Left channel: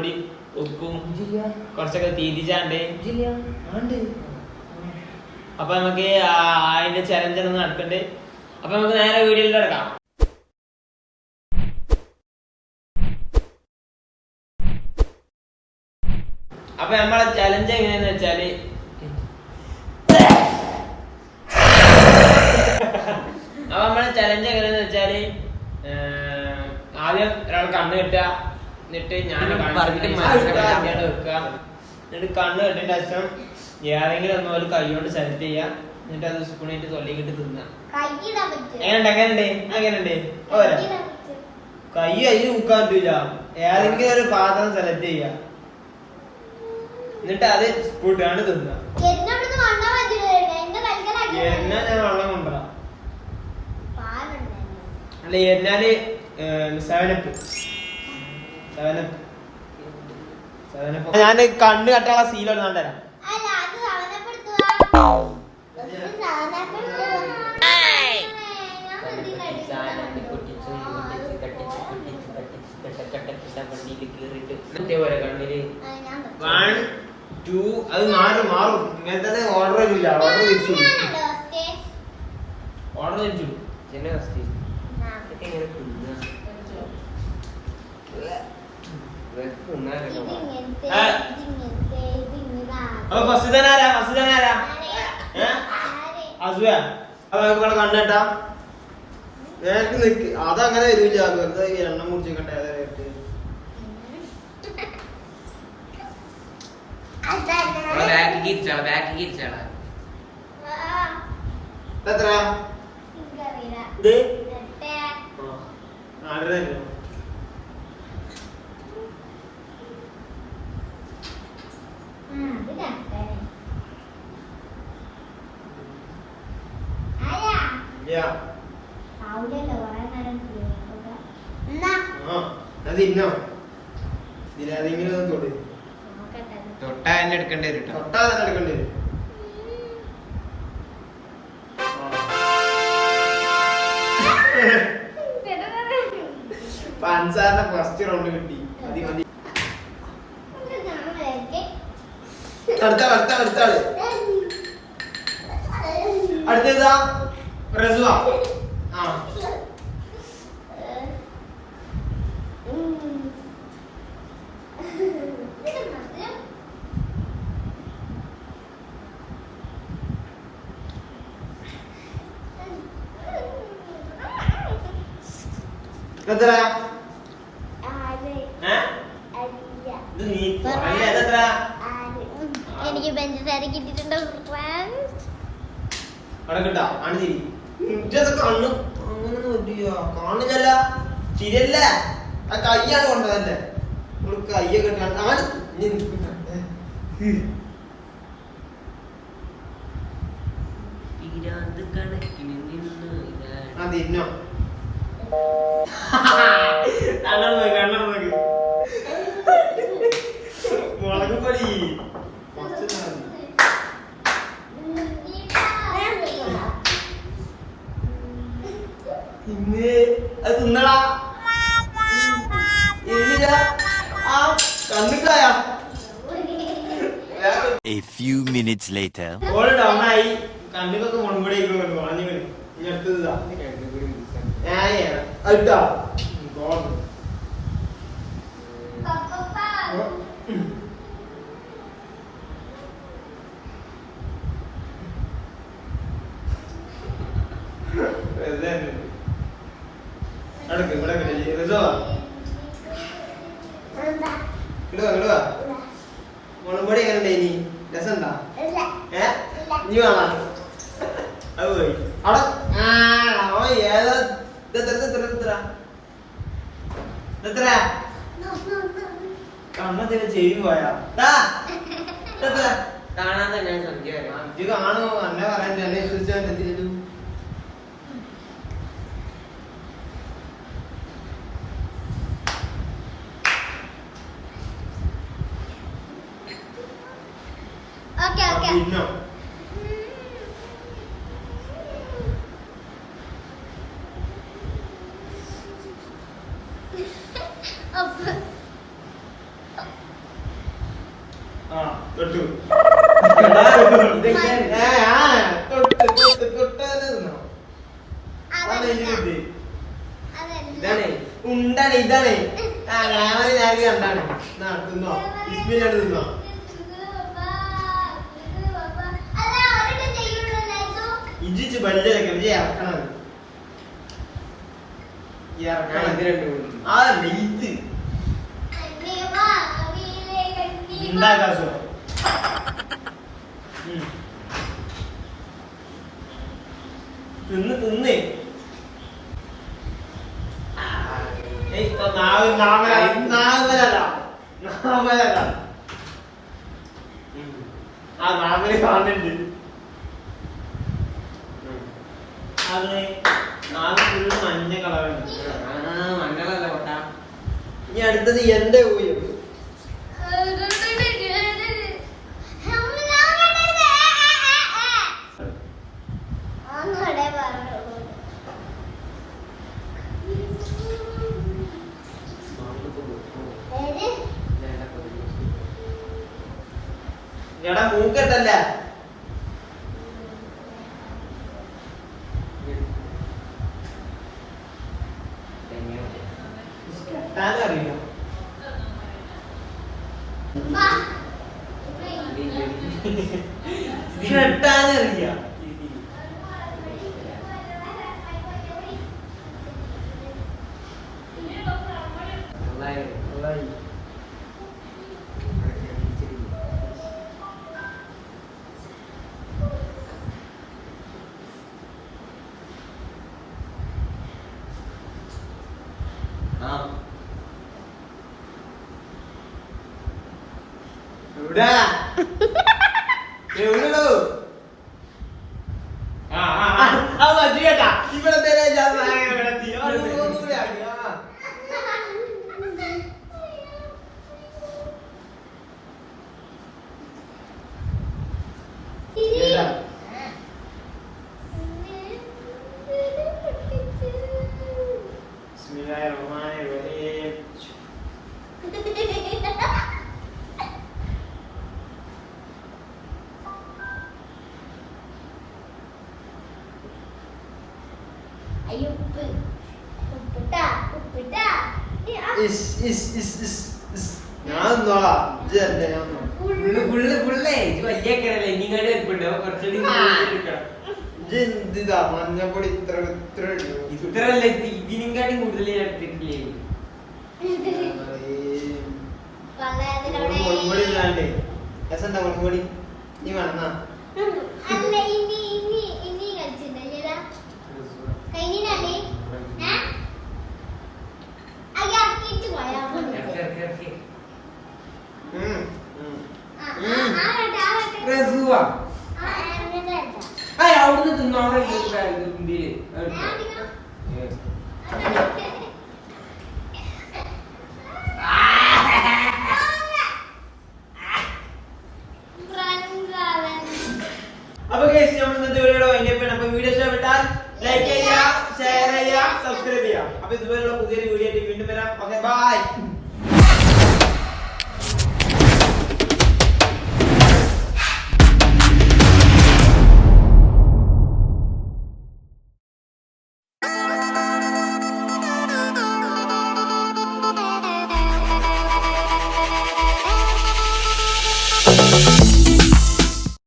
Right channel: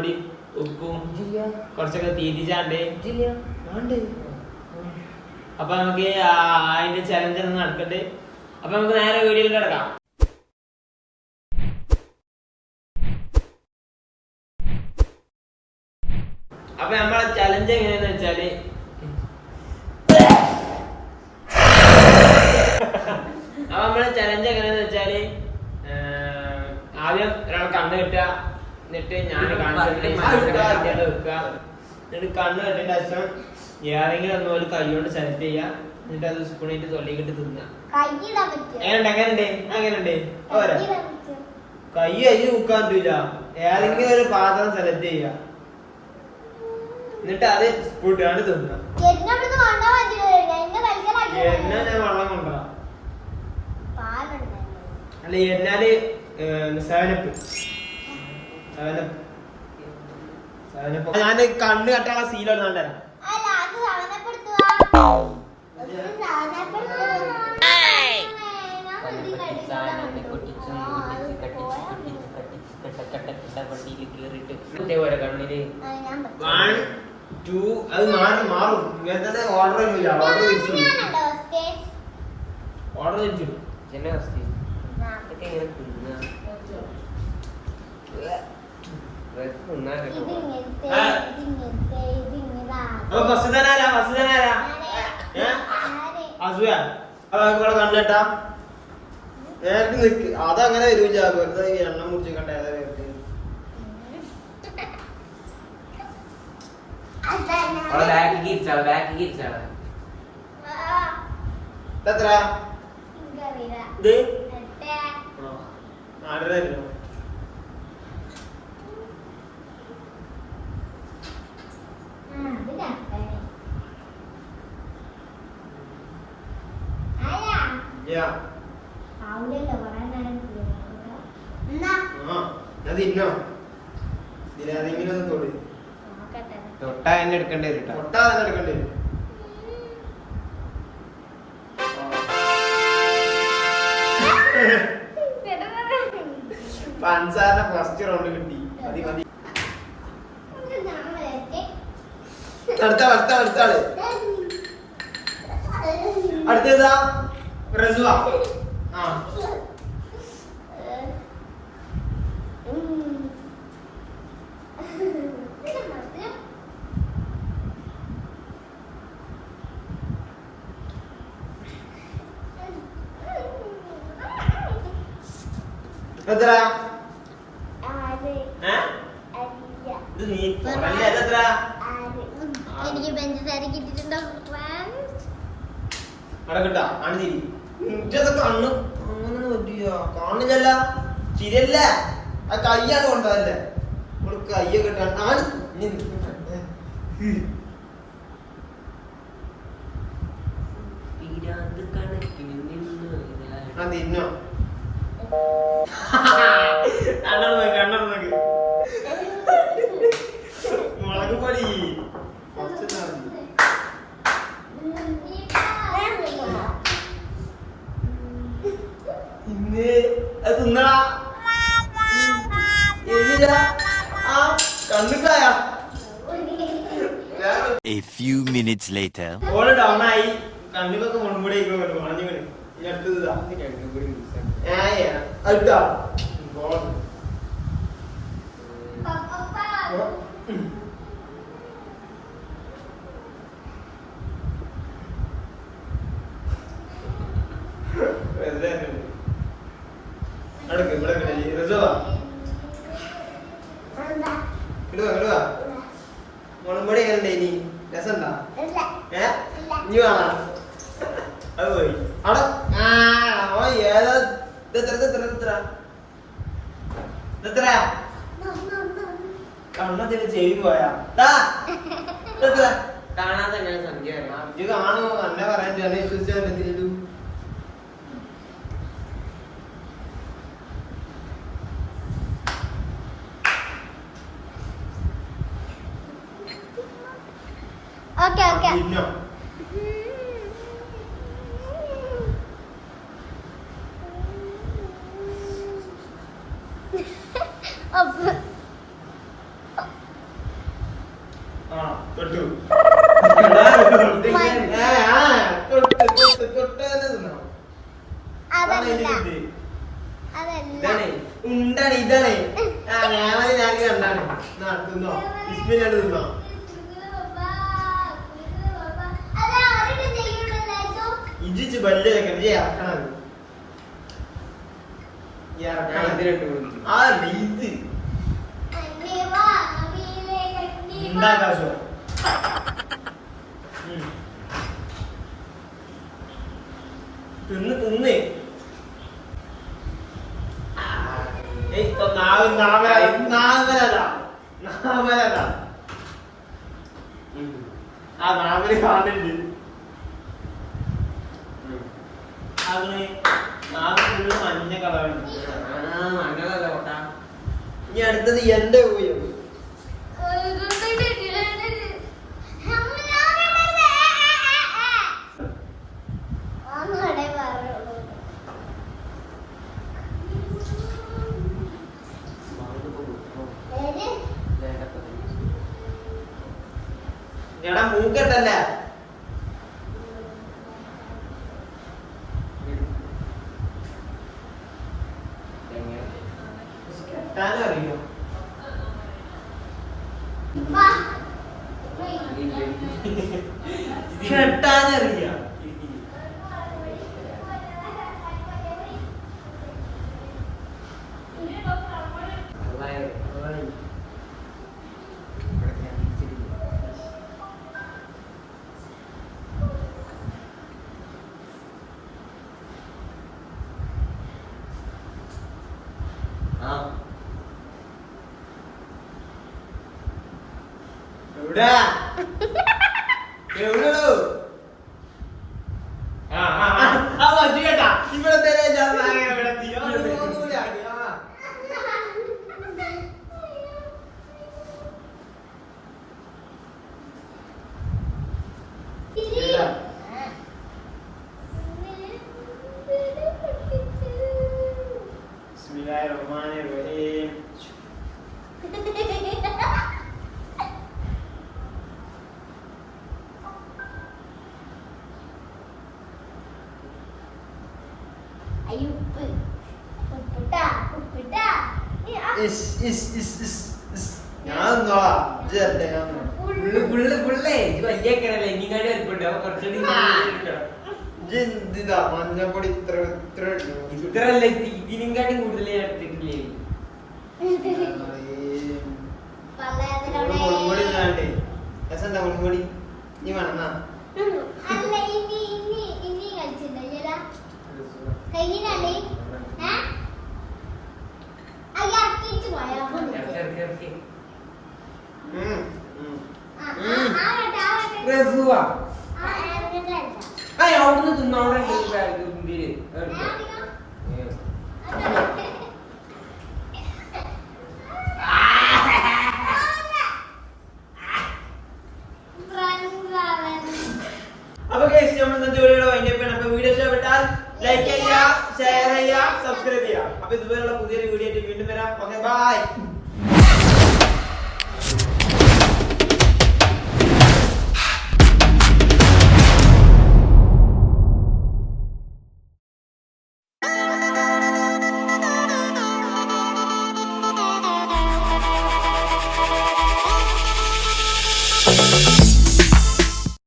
പൊടി ഉപ്പും കുറച്ചൊക്കെ തീറ്റിച്ചാണ്ട് അപ്പൊ നമുക്ക് അതിന്റെ ചലഞ്ച് ഒന്നും നടക്കണ്ടേ. അപ്പൊ നമുക്ക് നേരെ വീഡിയോയിൽ കിടക്കാം. അപ്പൊ നമ്മളെ ചലഞ്ച് എങ്ങനെയാന്ന് വെച്ചാല് ആദ്യം ഒരാൾ കണ്ണ് കെട്ടുക, എന്നിട്ട് ഞാൻ വെക്കുക, എന്നിട്ട് കണ്ണ് കെട്ടിന്റെ ശേഷം ഏതെങ്കിലും ഒന്ന് പോലെ കൈ കൊണ്ട് സെലക്ട് ചെയ്യുക, എന്നിട്ട് അത് സ്പൂണിട്ട് തൊള്ളിക്കിട്ട് തിന്നുക. അങ്ങനെയുണ്ട് ഓരോ കൈ മുക്കാൻ പറ്റൂല. ഏതെങ്കിലും ഒരു പാത്രം സെലക്ട് ചെയ്യുക, എന്നിട്ട് അത് സ്പൂട്ടാണ്ട് തിന്നുക. ഞാൻ വെള്ളം കൊണ്ടുവരാം. അല്ല എന്നാല് ഞാൻ കണ്ണ് കെട്ടാനുള്ള സീലോട് കണ്ടുതരാം. കണ്ണില് 1 2 അത് മാറും. ഇങ്ങനത്തെ ഓർഡർ തിരിച്ചു കണ്ണേട്ടാ നേരത്തെ നിക്ക്. അതങ്ങനെ വരൂല, വെറുതെ എണ്ണം മുറിച്ചിക്കട്ടെ. എത്ര ഇത് 6.5 അതിന്നോ ഇതിലേതെങ്കിലും തൊട്ടാ തന്നെ എടുക്കേണ്ടി വരും. പഞ്ചസാരന്റെ ഫസ്റ്റ് റൗണ്ട് കിട്ടി. മതി അടുത്തതാ റസുവ. എനിക്ക് പഞ്ചസാര കിട്ടിയിട്ടുണ്ടോ? കണ്ണ് കാണില്ല, ചിരിയല്ല, ആ കയ്യാണ് കൊണ്ടതല്ലേ. കയ്യൊക്കെ തിന്നോ കണ്ണു മുളക് പൊടി ഇന്ന് അത് തിന്നടാ. കണ്ണുക്കായ A few minutes later. ഓള് ഡൗണായി. കണ്ണുകൊക്കെ മുൻകൂടെ വളഞ്ഞു കളി. അടുത്തതാ അടുത്താ മുൻപടി എങ്ങനെ ഇനി രസമുണ്ടാ? ഇനി കാണാ അത് പോയി അവിടെ കണ്ണത്തിന് ചെവി പോയാ കാണാൻ തന്നെ സംഖ്യ കാണുമോ? എന്നെ പറയാൻ എന്നെ വിശ്വസിച്ചാൽ എന്തെങ്കിലും പിന്നോ തൊട്ടു ഇത് ഇതാണ് ഉണ്ടാണ് ഇതാണ് ഞാൻ കണ്ടാണ് തിന്നോ ബിസ്മില്ലാണ്ട് തിന്നോ ഇജിച്ച് വലിയ ഇറക്കണം ഞാൻ ഇത് രണ്ടും കൊടുത്തു. അതല്ല ഇത് ഉണ്ടാക്കാശോ തിന്ന് തിന്ന് നാമലല്ല ആ നാമല് കാണുന്നുണ്ട് അത് നാല് മഞ്ഞ കളറുണ്ട് മണ്ണല്ല കൊട്ട. ഇനി അടുത്തത് എന്റെ ഊയം എടാ മൂക്കട്ടല്ല കെട്ടാനറിയില്ല കെട്ടാനറിയില്ല എവിടാ എവിടെയോ കേട്ടാ ഇവിടെ ഞാൻ ഫുള്ള് ഫുള്ള് ഫുള്ളേ ഇത് വലിയ കിണല്ലേ ഇനിങ്ങാണ്ട് വലിപ്പുണ്ട് കുറച്ചുകൂടി എന്തിതാ മഞ്ഞപ്പൊടി ഇത്ര ഇത്ര ഇത്രല്ല ഇതിനെക്കാട്ടും കൂടുതൽ ഞാൻ എടുത്തിട്ടില്ലേ മുളകുപൊടി ഇല്ലാണ്ട് രസണ്ട മുളകുപൊടി നീ വേണമെന്നാ അല്ല ഇനി കളിച്ചിട്ടുണ്ടല്ലോ കഴിഞ്ഞാലേ അയ്യാക്കിട്ട് പോയാ രസുവാ അവിടുന്ന് തിന്നോടെ ഇന്ത്യയില് അപ്പൊ ഗൈസ് നമ്മൾ ഇന്നത്തെ വീഡിയോ വൈൻഡപ്പ് അപ്പൊ വീഡിയോ ഇഷ്ടപ്പെട്ടാൽ ലൈക്ക് ചെയ്യുക ഷെയർ ചെയ്യുക സബ്സ്ക്രൈബ് ചെയ്യുക അപ്പൊ ഇതുപോലുള്ള പുതിയൊരു വീഡിയോ ആയിട്ട് വീണ്ടും വരാം ഓക്കെ ബൈ